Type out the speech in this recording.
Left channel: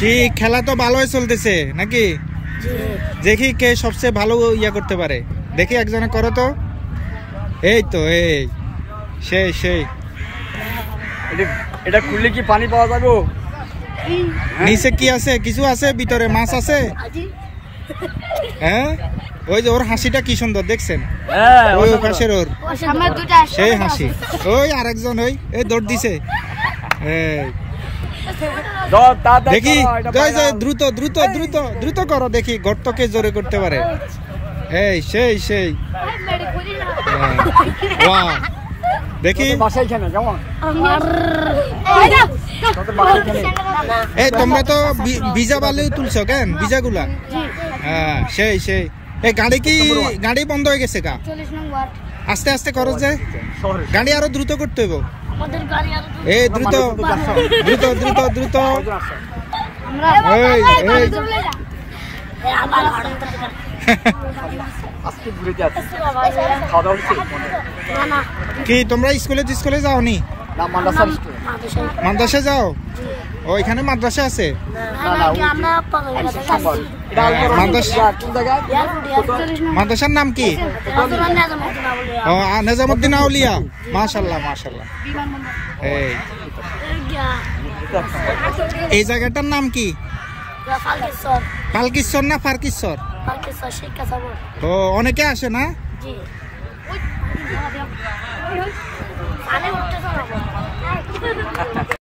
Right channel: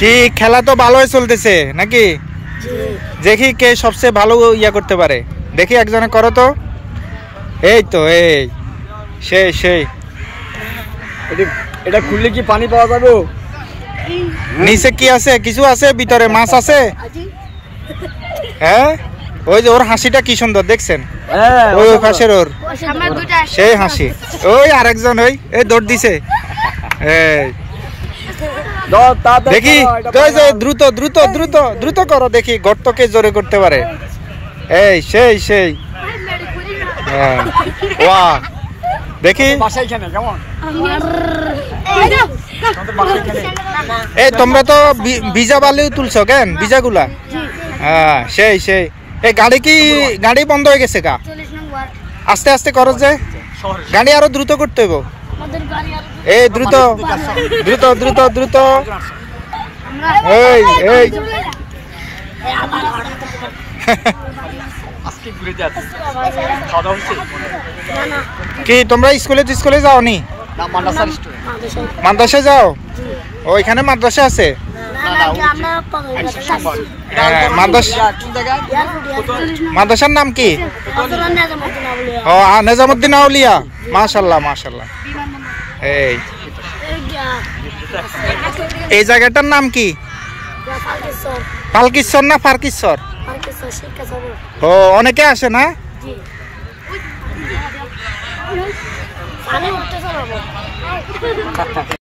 কি খেলা তো ভালোই চলতেছে নাকি? দেখি কে সবচেয়ে ভালো ইয়া করতে পারে, দেখি একজনে করো তো। এই তো এই সেই এটা খুললে কি পানি পাওয়া যাবে? নিচে কি আছে? কিছু আছে ভিতরে? মাছ আছে? হ্যাঁ, ওই যে ওর হাসিটা কি সুন্দর দেখছেন, ওই ওই পাশের ওর সেই হাসি। ওই আরেকজন ওই দৌড় দিছে। এই দেখি দ্রুত দ্রুত দ্রুত দ্রুত করো, দেখি গর্তকে জোরে করতে পারে। এই সেই ওয়া দেখি। এই তোমরা তো ভিজা বালিও তুলছো কেন? ভিজাগুলা? হ্যাঁ সেই এই গাড়ি বন্ধ হয়ে গেছে গা? আস্তে আস্তে করো যে, গাড়ি আরো দ্রুত করতে হইব। এই দ্রুত দ্রুত দ্রুত দ্রুত। এই কি তোমরা স্কুলে যাওনি? মাদ্রাসা যাও? ওইখানে মাদ্রাসা আছে? মাদ্রাসার নাম কি? ও নেজামুদ্দিন আউলিয়া। মাশাআল্লাহ মাশাআল্লাহ। এই জায়গাটার নাম কি? ফালকিশ্বর না ফারকিশ্বর? ও অনেকে আসে না?